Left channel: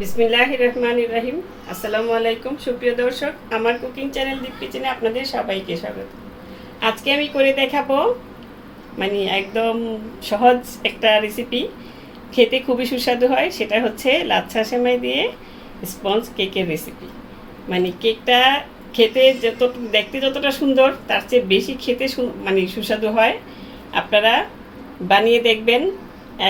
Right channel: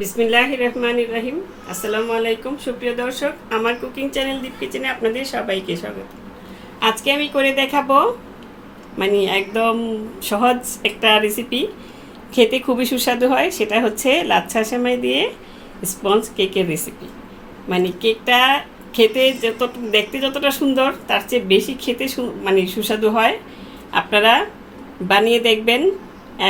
বিসমিল্লাহির রহমানির রহিম। আসসালামু আলাইকুম সুপ্রিয় দর্শক, আমার কুকিং চ্যানেল দীপ কিচেনে আপনাদের সবাইকে স্বাগত। আজকে আমি করে দেখাবো একদম সহজ একটা রেসিপি, খেতে খুবই সুস্বাদু হয়। সেটা হচ্ছে লাচ্ছা সেমাই দিয়ে স্পঞ্জ কেকের রেসিপি। কেকটা খেতে দেখতে যতটা সুন্দর, তার চেয়ে বেশি খেতে সুস্বাদু হয়। আপনারা বানিয়ে দেখবেন।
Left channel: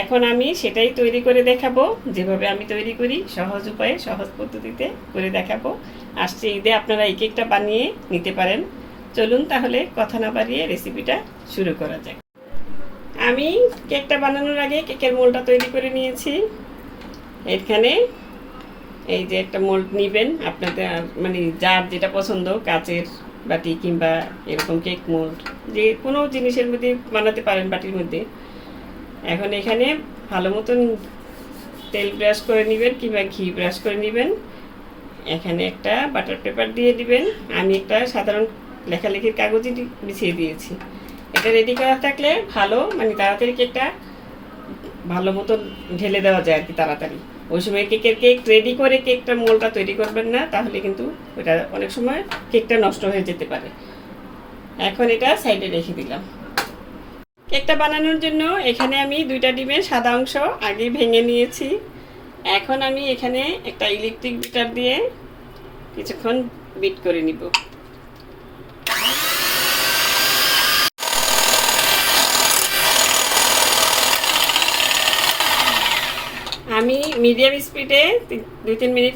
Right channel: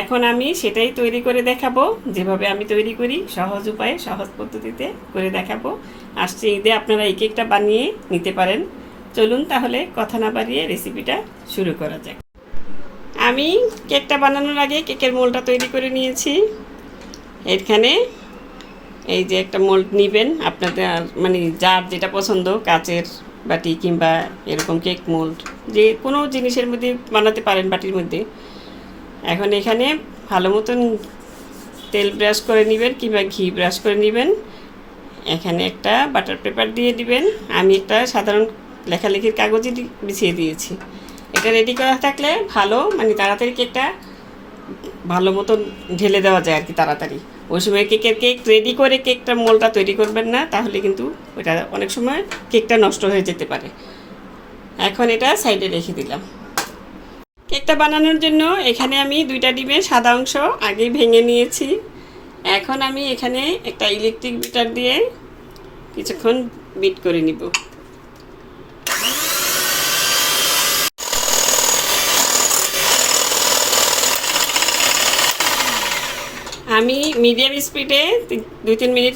এখন আমি সেটাই তৈরি করে দেখাবো, যেভাবে আমি তৈরি করি, সহজ উপায়ে সহজ পদ্ধতিতে করে দেখাবো। আসছে ঈদে আপনারা এই কেকটা বানিয়ে নিতে পারেন। চলুন তাহলে কথা না বাড়িয়ে রেসিপিটা শুরু করা যাক। আমি কেকটা বানানোর আগে কেকের মোল্ডটা তৈরি করে নিয়েছি। এখানে এই যে একটা মোল্ড নেবেন, আপনাদের যার যেটা পছন্দ, কাচের বাটি কিংবা এরকম কেক মোল্ড, যে কোনো জিনিসের মধ্যে বানাতে পারেন, বাটির মধ্যে। এখন এখানে ভালো মতন তেল ব্রাশ করে নেবেন কিংবা ঘি ব্রাশ করে নেবেন। এখানে একটা বাটার পেপার দিয়ে দিবেন। আমি একটা সাধারণ লেখালেখির কাগজে বিছিয়ে দিয়েছি। এটা রেডি করা থাকলে ভালো, তাড়াতাড়ি কেকটা ভালো মতন ঢেলে দেওয়া যায় আর কি, তাড়াতাড়ি। ওই সময় কেক রেডি করে কেকটা মোলটা তৈরি করবেন না, তাহলে কিন্তু এটা অনেক সময় কেকটা নষ্ট হয়ে যেতে পারে। এখন এটা সাইডে রেখে দিলাম। কেকটা বানানোর জন্য এখানে আমি 2টা ডিমের সাদা অংশ আগে ভেঙে নিয়েছি। এখন আমি এখানে একটা ইলেকট্রিক বিটার দিয়ে কিছুক্ষণ বিট করে নিব। আমি মিডিয়াম স্পিডে 2-3 মিনিট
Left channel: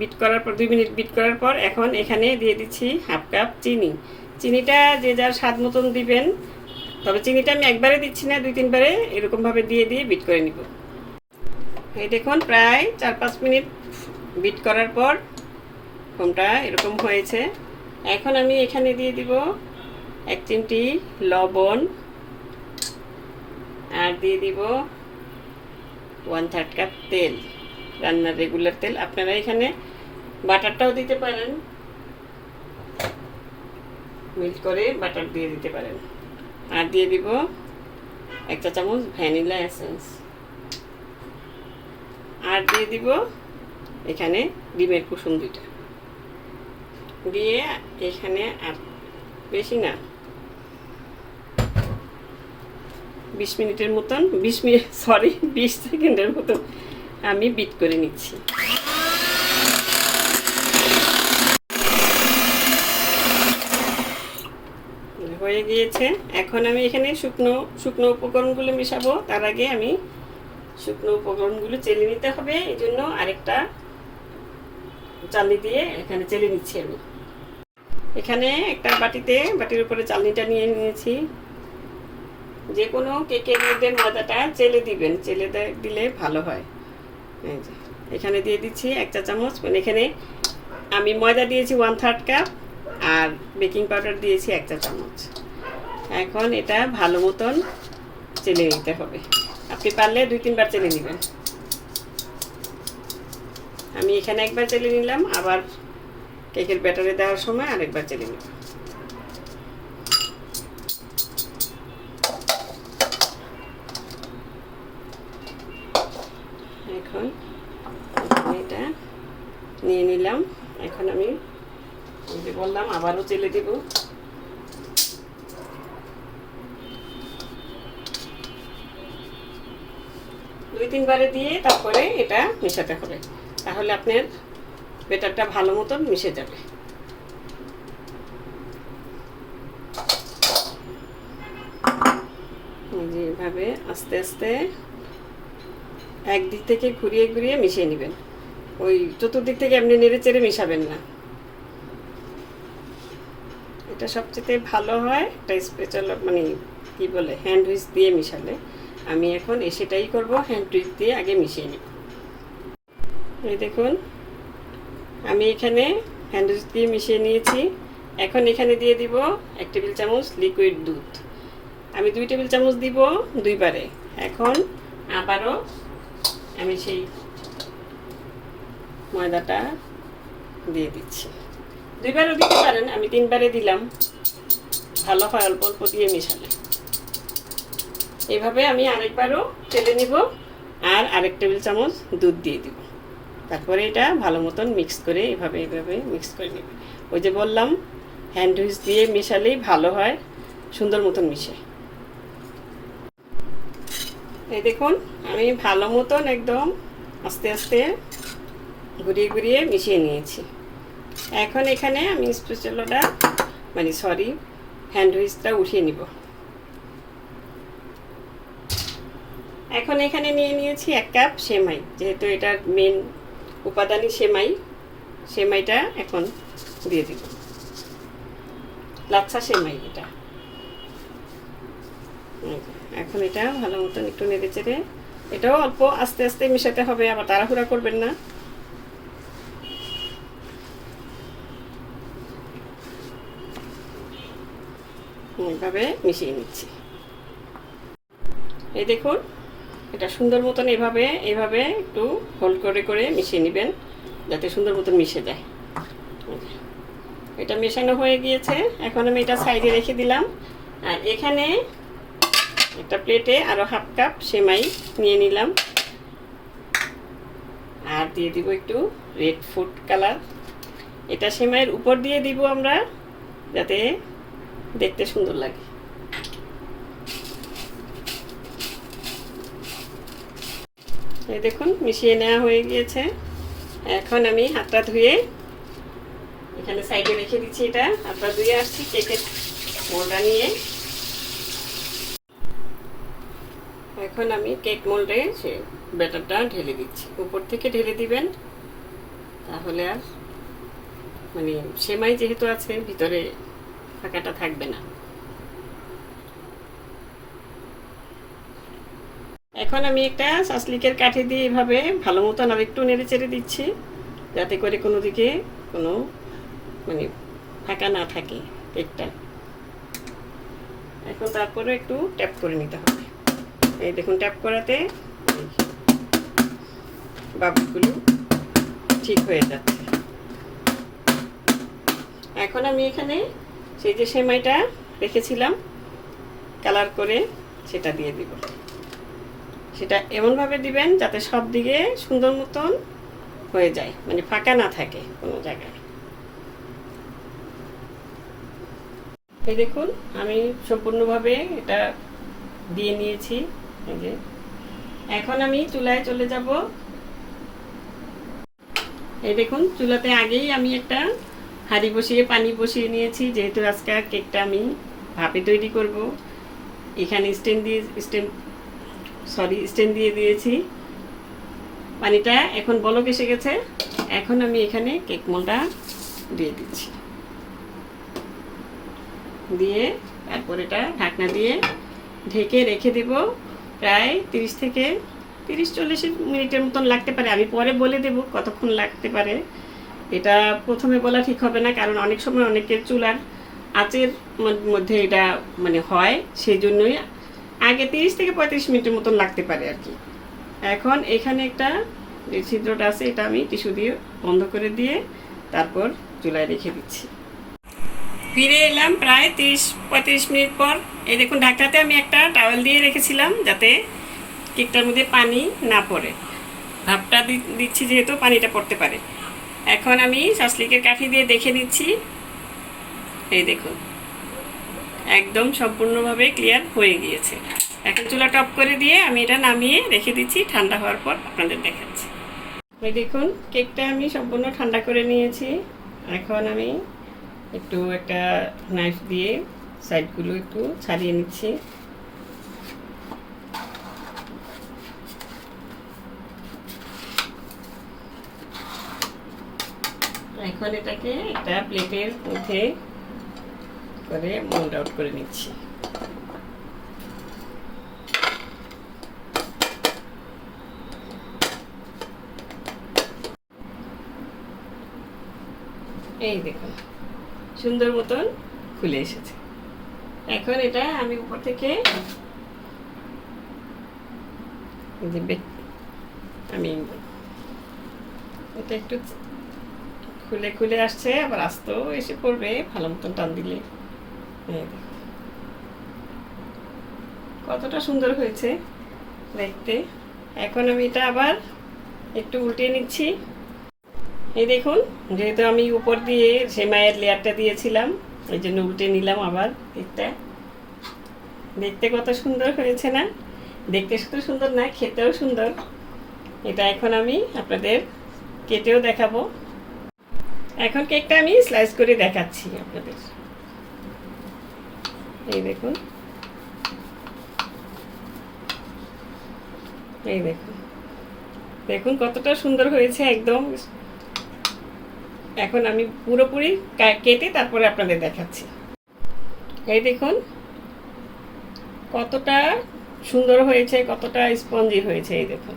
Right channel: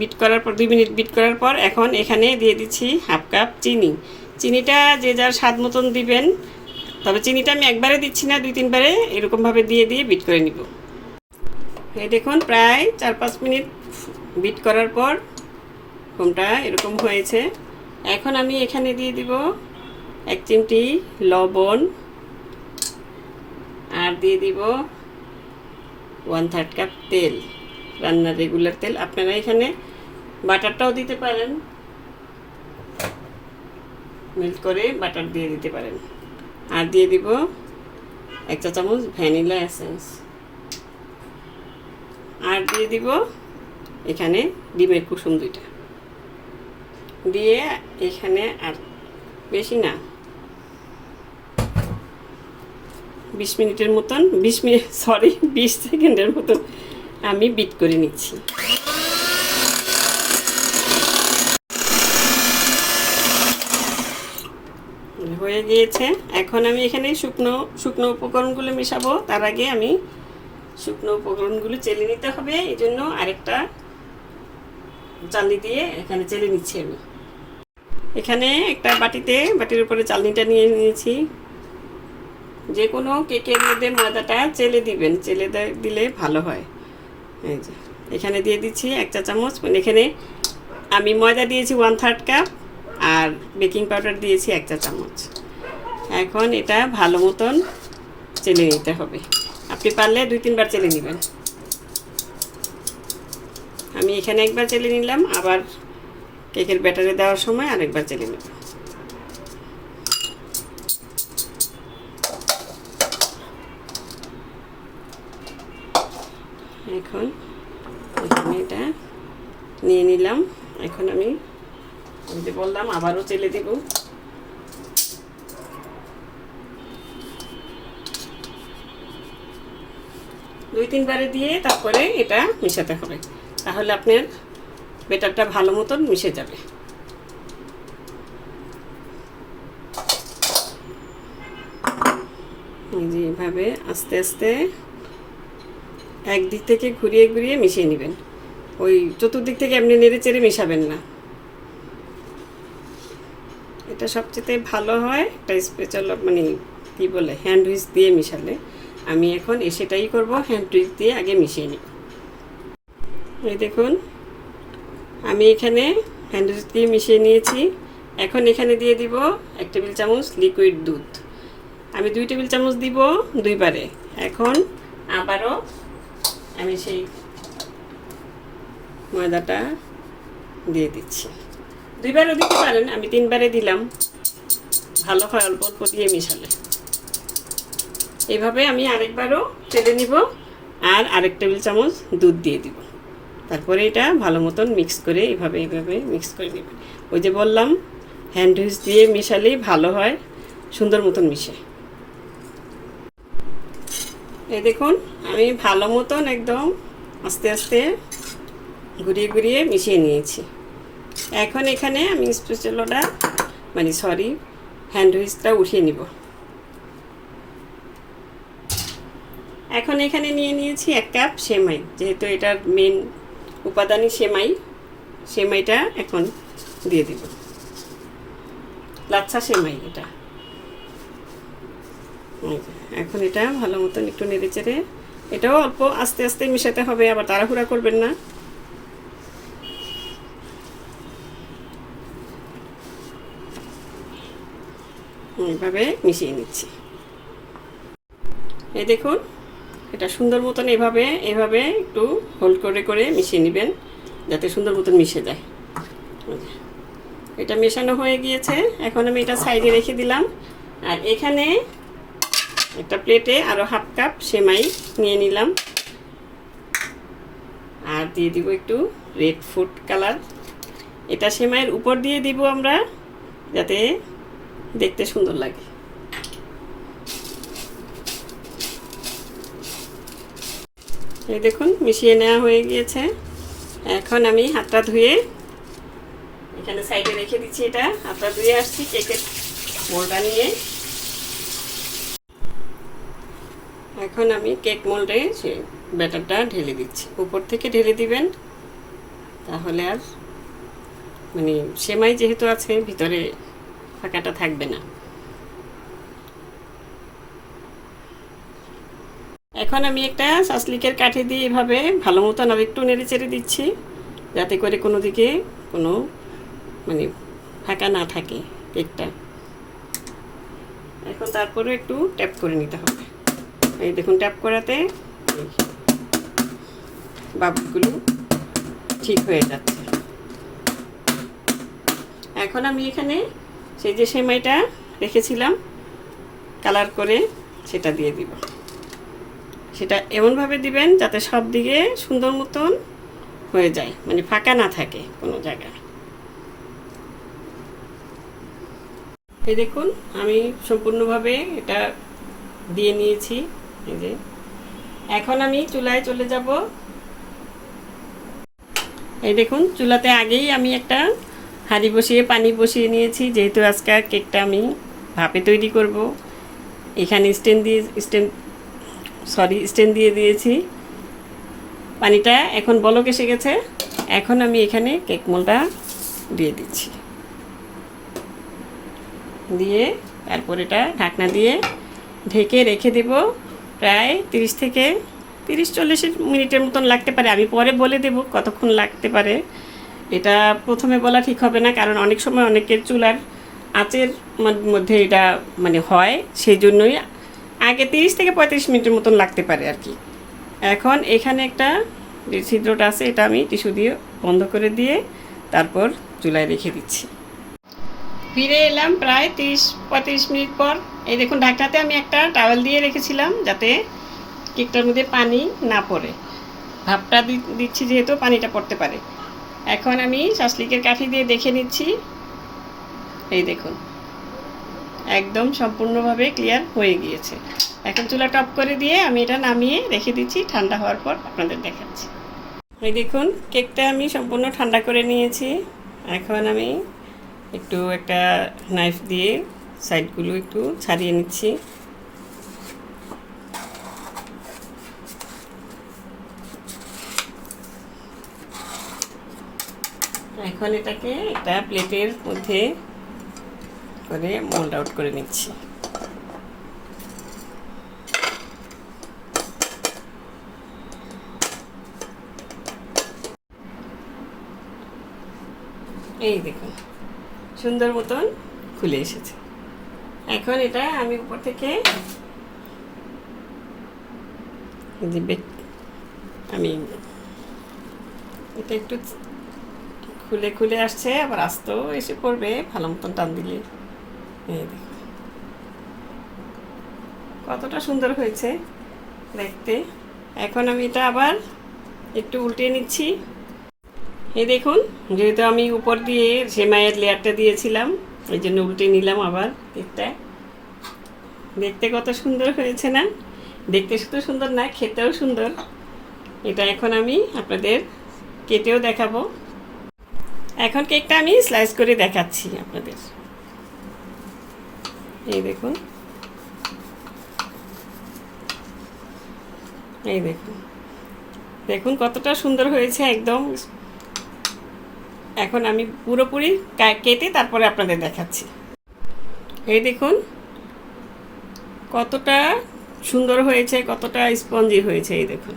বিট করার পর 2 মিনিট বিট করার পর এখন এখানে দিয়ে দিচ্ছি 1/2 কাপ চিনি। চিনিটা যে যার স্বাদ মতন দিবেন, তবে চিনিটা আমি একবারে দিচ্ছি না, 2-3 বারে এরকমভাবে দিয়ে বিট করে নিব। এই দেখুন, প্রায় 4-5 মিনিট বিট করার পর ফোমটা এরকম হয়েছে। এখন আমি এখানে দিয়ে দিব 1 চিমটি লবণ, আর দিয়ে দিব 1/3 কাপ তেল, রান্নার রেগুলার তেল। আপনারা এখানে বাটারটাও দিতে পারেন, মেল্ট করে বাটার দিয়ে দিতে পারেন। আর দিয়ে দিব 1 চা চামচ ভ্যানিলা এসেন্স, আর দিয়ে দিব এখানে ডিমের কুসুম 2টা দিয়ে এখানে, আর বেশি না, 20 সেকেন্ডের মতন আমি বিট করে নিচ্ছি। হয়ে গিয়েছে। এখন আমি এখানে শুকনো উপকরণগুলো মেশাবো। তার আগে আমি শুকনো উপকরণগুলো চেলে নিতে হবে, এই জন্য আরেকটা চালনি দিয়ে এখানে চেলে নিচ্ছি আমি। এখানে একটা বাটির উপরে চালনিটা নিয়ে নিয়েছি। যে কোনো কেকের মধ্যে ময়দাটা চেলে দিবেন, দিলে ভালো হয়। এই যে এখানে দিয়ে দিচ্ছি 1 চা চামচ, এখানে আমি ময়দা দিয়েছি 1/3 কাপ, আর বেকিং পাউডার দিয়েছি 1 চা চামচ। এখন এটা ভালো মতন চেলে নিতে হবে। আপনি পারলে 2-3 বার চেলে নেবেন। আমি এখানে একবার চেলে নিলাম, আবার কেকের ব্যাটারে দেওয়ার সময় আরেকবার চেলে নেব। এখন এটা নিয়ে নিলাম। এখন আমি যে বললাম আবারও চেলে দেব। দুই 3 বারে দিয়ে তারপরে এটা মেশাতে হবে, তাহলে আপনার ব্যাটারটা ভালো মতন মিশে যাবে। যেভাবে আস্তে আস্তে একদিক থেকে ঘুরিয়ে মিশিয়ে নেবেন। ওই চতুর্দিক থেকে এমনি নেড়ে চেড়ে মেশাবেন না। এটা সবচেয়ে ভালো হয় একটা স্পেশাল কি বলে, হ্যান্ড হুইচ দিয়ে মিশালে। আমি এখন সেটাই করব, হ্যান্ড হুইচ দিয়ে আগে মিশিয়ে নিই। এই দেখুন, আমি এখানে হ্যান্ড হুইচ দিয়ে মিশিয়ে নিয়েছি। এখন এখানে দিয়ে দিব 1 টেবিল চামচ লিকুইড দুধ। আমি 2 টেবিল চামচ দিব 2 বারে। এখন আবারও আমি সেই ময়দাটা দিয়ে দিচ্ছি। 2 বারও দিতে পারেন, আমি 3 বারে দিলাম, ভালো হয় অল্প অল্প দিয়ে মিশালে। এভাবে আমি আরেকবারও চেলে নিব, আর আরেক টেবিল চামচ দুধ দিয়ে দিব। তারপরে এটা ভালো মতন মিক্স করে এইভাবে মিক্স করে নেবেন। ওই যে বললাম হ্যান্ড হুইচ দিয়ে মেশালেই ভালো হয়, সুন্দর মতন মিশে। এই দেখুন আমি ভালো মতন একদম আস্তে আস্তে ঘুরিয়ে ঘুরিয়ে মিশিয়ে নিয়েছি। এখন এখানে আমি স্প্যাচুলাটা হ্যান্ড হুইচটা উঠিয়ে নিব। এখন এখানে নিয়ে নিয়েছি 1 কাপ সেমাই, যেহেতু এটার মেন উপাদানই সেমাইটা এখন দিয়ে দিব। লাচ্ছা সেমাই এটা। এখন এটা ভালো মতন একটু নেড়ে চেড়ে, এটাও অল্প আস্তে আস্তে মিশাতে হবে, আবার তাড়াহুড়া করবেন না। এইভাবে মিশিয়ে নিচ্ছি। এই দেখুন এটা সুন্দর মতন এভাবে একটু হোল্ড করে করে মিশিয়ে নেবেন, যাতে সুন্দর মতন মিশে যায়। এটা মেশানো হয়ে গিয়েছে। এখন আমি এটা সাইডে রেখে দিলাম। আর এখানে একটা প্লেটে আরও 1/2 কাপ সেমাই নিয়ে নিলাম, আর দিয়ে দিব একটু রেড ফুড কালার। এটা সেমাইয়ের উপর দিয়ে দিব আমরা, যাতে দেখতে সুন্দর লাগে। এই দেখুন মিশিয়ে নেওয়া হয়ে গিয়েছে। এখন আমি হাতটা ধুয়ে এখানে সাইডে রেখে দিচ্ছি। এটা হাতটা ধুয়ে আসছি কেকের মোল্ডটা নিয়ে। এখন আমি কেক মোল্ডে সে ব্যাটারটা ঢেলে দিচ্ছি। উপর থেকে ঢেলে দিবেন, তাহলে আর সেমাই যেহেতু আছে ভিতরে ফাঁকাটা থাকবে না। এখন আমি একটা সাসলিকের কাঠি দিয়ে এভাবে ভালো মতন আর একটু নেড়ে চেড়ে দিচ্ছি, যাতে করে কোনো দিকে কোনো ফাঁকা না থাকে কেকটা। এখন তারপরে একটু ট্যাপ করে নিতে হবে। এই দেখুন ট্যাপ করাতে বাবুগুলো ঠিক হয়ে যাচ্ছে। এখন আমি এখানে সেই যে সেমাইটা রেখেছিলাম কালার করে, সেটা দিয়ে দিব। সেটা এমনভাবে দিবেন যাতে সব দিকে সুন্দর মতন হয়ে যায়, ফাঁকা না থাকে কোনো জায়গায়। এই দেখুন আমি সম্পূর্ণভাবে এটা দিয়ে নিয়েছি। এই যে এখন আমি চুলায় চলে যাব। এই দেখুন চুলাতে আগেই আমি একটা হাঁড়ি বসিয়ে পানি বসিয়ে নিয়েছি, যেহেতু আজকে কেকটা আমি ভাপে তৈরি করব। এখানে স্ট্যান্ড দিয়ে দিয়েছি। পানিটা এখন বলক এসে গেছে। এখন আমি এখানে কেক মোল্ডটা দিয়ে দিচ্ছি, দিয়ে তারপর এটা ঢাকনা দিয়ে ঢেকে রেখে দেব। প্রায় 30-40 মিনিটের মতন লাগতে পারে। আমি পরে বলে দেব কতক্ষণ লাগতে পারে। এটা প্রথমে বলা ঠিক হবে না, কারণ অনেক সময় অনেকের চুলার আঁচের মধ্যে এটা হয়, সেই জন্যই আগে 30-35 মিনিটের মতন লাগতে পারে আর কি। এখন এখানে একটা যে ছিদ্রটা আছে, এটা আমি টিস্যু দিয়ে বন্ধ করে দিয়ে তারপর চুলায় রেখে দিচ্ছি। ফিরে এলাম প্রায় 30-35 মিনিট পর। এই দেখুন ঢাকনাতে আমি একটা টাওয়েল দিয়ে রেখেছিলাম, যাতে কেকটার মধ্যে পানি না পড়ে। ভাপটা দিচ্ছি যেহেতু পানিটা পড়তে পারে। এখন আমি সাসলিকের কাঠি দিয়ে দেখে নিচ্ছি। এই দেখুন একদম সম্পূর্ণভাবে ক্লিয়ার হয়ে গিয়েছে। এখন চুলাটা অফ করে দিয়ে আমি এটা নামিয়ে রেখে দিচ্ছি, ঠান্ডা হওয়ার পর আপনাদের দেখাচ্ছি। এই দেখুন কেকটা আমি সম্পূর্ণ ঠান্ডা করে নিয়েছি। এখন আমি একটা নাইফ দিয়ে সাইডগুলো একটু ছাড়িয়ে নিচ্ছি। এখন এটাকে একটা প্লেটের মধ্যে করে মোল্ড আউট করে নিচ্ছি। এই দেখুন সুন্দর মতন খুলে এসেছে। এখন এটা আমি উপর থেকে আমি এটা একটু খুলে আসছে, আবার আস্তেও এসে পড়বে ভালো মতন টান দিলে। কতটা সুন্দর হয়েছে দেখতে। এখন আমি এটা আবার একটু উল্টে নিচ্ছি। এই দেখুন, যেহেতু আমি উপর দিয়ে সেমাইয়ের লেয়ারটা দিয়েছিলাম, ওই জন্য উল্টে নিলাম আবার কেকটা। দেখতে কত সুন্দর হয়েছে না? দেখতে শুধু সুন্দর না, খেতেও সুন্দর। এটা এখন আমি আপনাদের কেটেও দেখাবো। এখন কেকটা আমি স্লাইস করে দেখাচ্ছি আপনাদের। এই দেখুন, এই দেখুন, দেখুন কতটা সুন্দর হয়েছে একদম। এখন আমি পুরোপুরি কেটে তারপরে আপনাদের দেখাচ্ছি। এই দেখুন কতটা সুন্দর হয়েছে, কতটা স্পঞ্জি হয়েছে। এই দেখুন,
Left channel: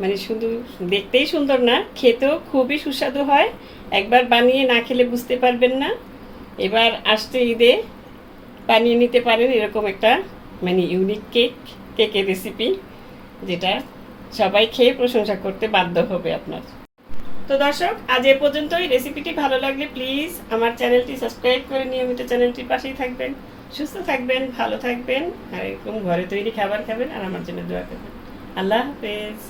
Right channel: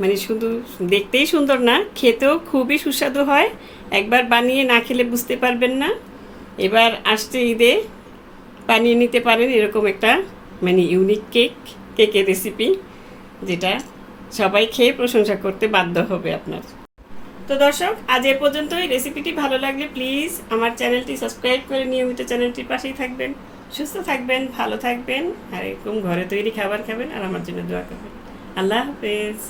মানে শুধু দেখতেই সুন্দর না, খেতেও খুবই সুস্বাদু হয়। একবার বানিয়ে না খেলে বুঝতে পারবেন না। এবার আসছে ঈদে বানিয়ে নিতে পারেন এরকম একটা মানে ইউনিক কেকের রেসিপি, যেটা সবাই খেয়ে প্রশংসা করতে বাধ্য হবে আপনার। তো দর্শক, আজ এ পর্যন্তই। রেসিপিটি ভালো লাগলে প্লিজ আমার চ্যানেলটি সাবস্ক্রাইব করে নিয়মিত চ্যানেলটির পাশেই থাকবেন। সুস্থ থাকবেন, ভালো থাকবেন, আর এরকম ঘরে তৈরি খাবার খাবেন, আর আমার জন্য দোয়া করবেন। আল্লাহ হাফেজ।